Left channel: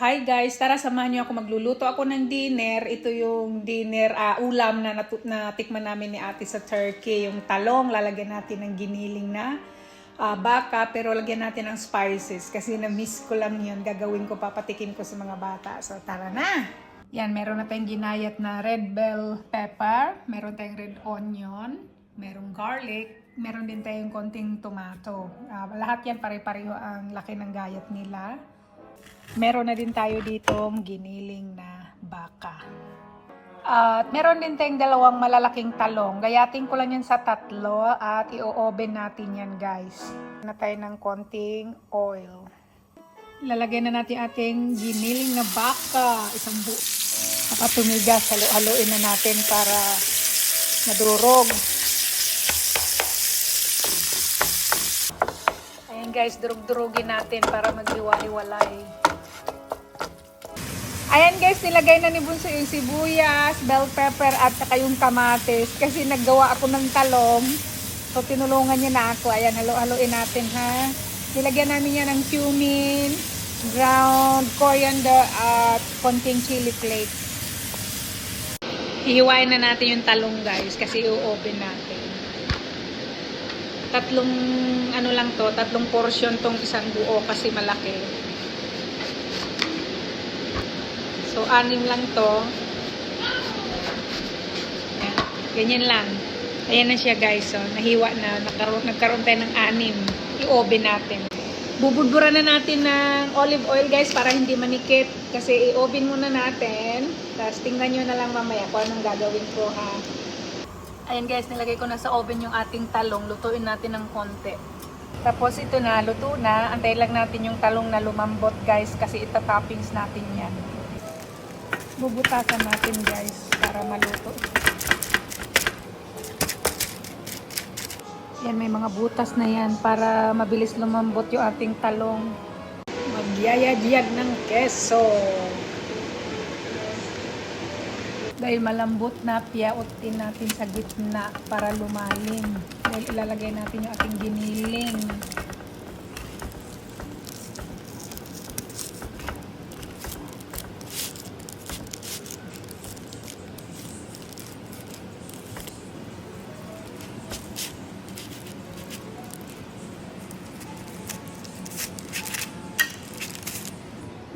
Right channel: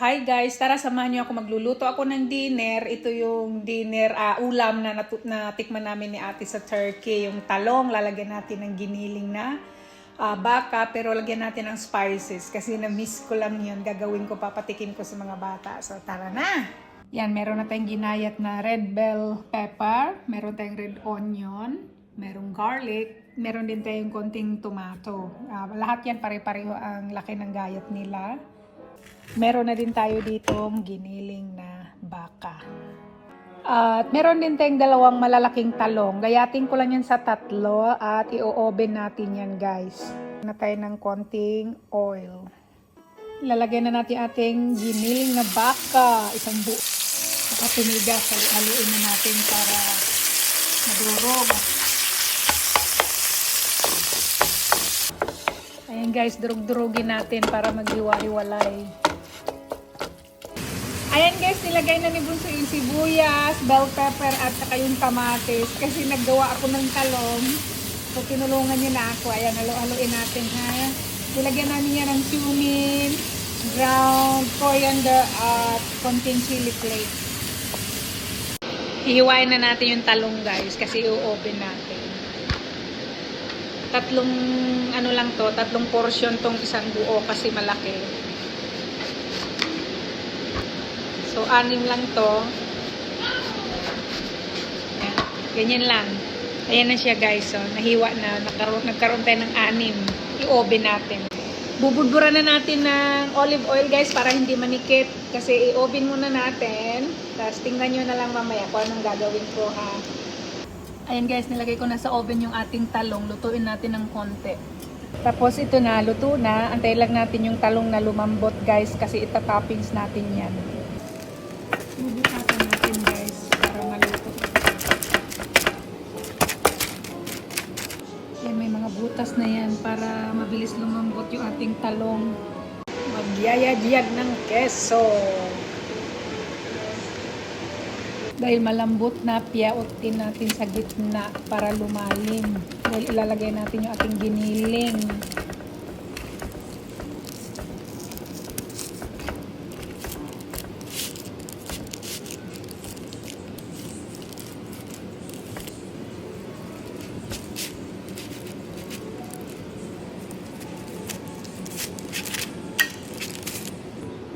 Hi guys, tara samahan niyo ako magluluto ako ng dinner. Ito yung dinner ulam na natikman namin ni Ate sa Turkey. Yung talong, lalagyan natin ng giniling na baka pero lagyan natin ng spices kasi na-miss ko lang yun. Gagawin ko, papatikin ko sa mga bata. So tara na! Yan, meron na tayong ginayat na red bell pepper, meron tayong red onion, merong garlic, meron din tayong konting tomato. Lahat yan pare-pareho ang laki ng gayat nila. Meron na din tayo ditong giniling na baka. At meron din tayong dalawang malalaking talong. Gayatin ko lang yan sa tatlo at i-oven natin yan guys. Na tayo ng konting oil. Ilalagay na natin ating giniling na baka. Isang buo. Saka tumigas. Haluin na natin para madurog. Ayan guys, durug-durugin natin para maghiwa-hiwalay. Ayan guys, nilagay na ni Bunso yung sibuyas, bell pepper at saka yung kamatis kasi naggawa ako ng talong. So tinulungan niya na ako. Ayan, halo-haloin natin ha. Nilagyan namin yan ng cumin, ground coriander at konting chili flakes. Hihiwain na natin yung talong guys kasi i-open natin. Tatlong portion tong isang buo kasi malaki. So, 6 lang to. Ayan. Ganyan lang. Ayan na siya guys. So, nahiwa na. Nagkaroon tayo ng 6. I-oven natin. Bubudburan na natin ng olive oil guys para hindi manikit. Kasi i-oven muna natin. Tapos tingnan nyo na lang mamaya kung anong gagawin ko ha. Ayan guys, nilagay ko na sa oven yung ating talong. Lutuin natin ng konti. Tapos ito na, luto na. Antayin lang natin yung talong na lumambot guys. Kasi itatoppings natin yan. Bubutasan natin guys para maluto. Yan, may mga butas na yan para mabilis lumambot yung ating talong. Magyayagiyag ng keso. Dahil malambot na, piyautin natin sa gitna para lumalim. Dahil ilalagay natin yung ating giniling.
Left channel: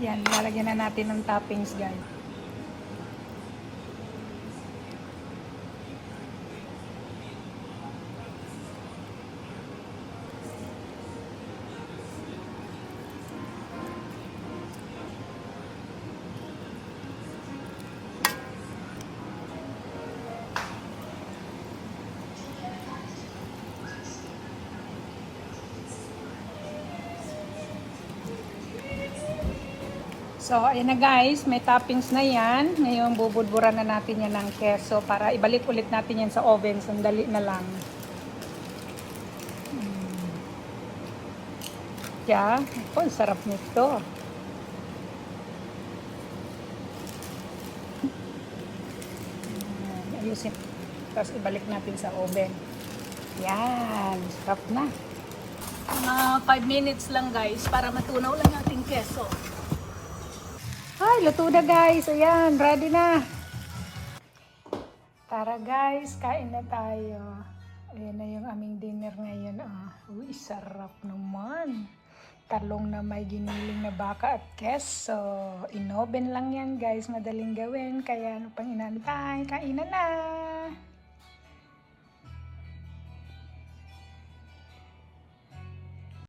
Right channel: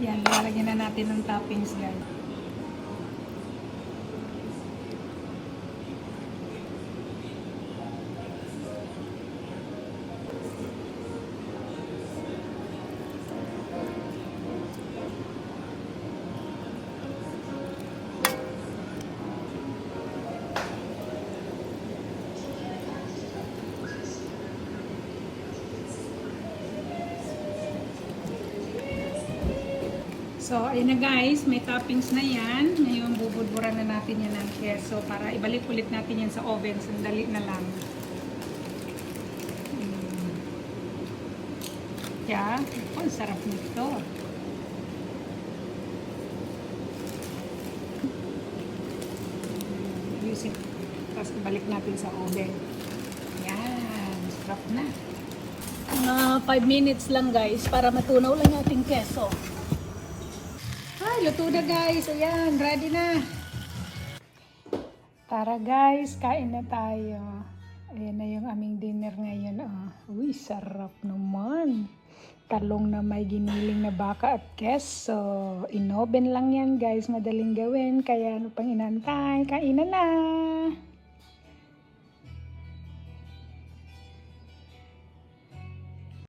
Yan, lalagyan na natin ng toppings guys. So, ayun na guys, may toppings na yan. Ngayon, bubulburan na natin yan ng keso para ibalik ulit natin yan sa oven. Sandali na lang. Yeah, oh, sarap nito. Ayusin. Tapos ibalik natin sa oven. Yan, sarap na. 5 minutes lang guys para matunaw lang ating keso. Ay, luto na guys. Ayan, ready na. Tara guys, kain na tayo. Ayan na yung aming dinner ngayon. Oh. Uy, sarap naman. Talong na may giniling na baka at keso. Inoven lang yan guys. Madaling gawin. Kaya ano pang inantay? Kainan na.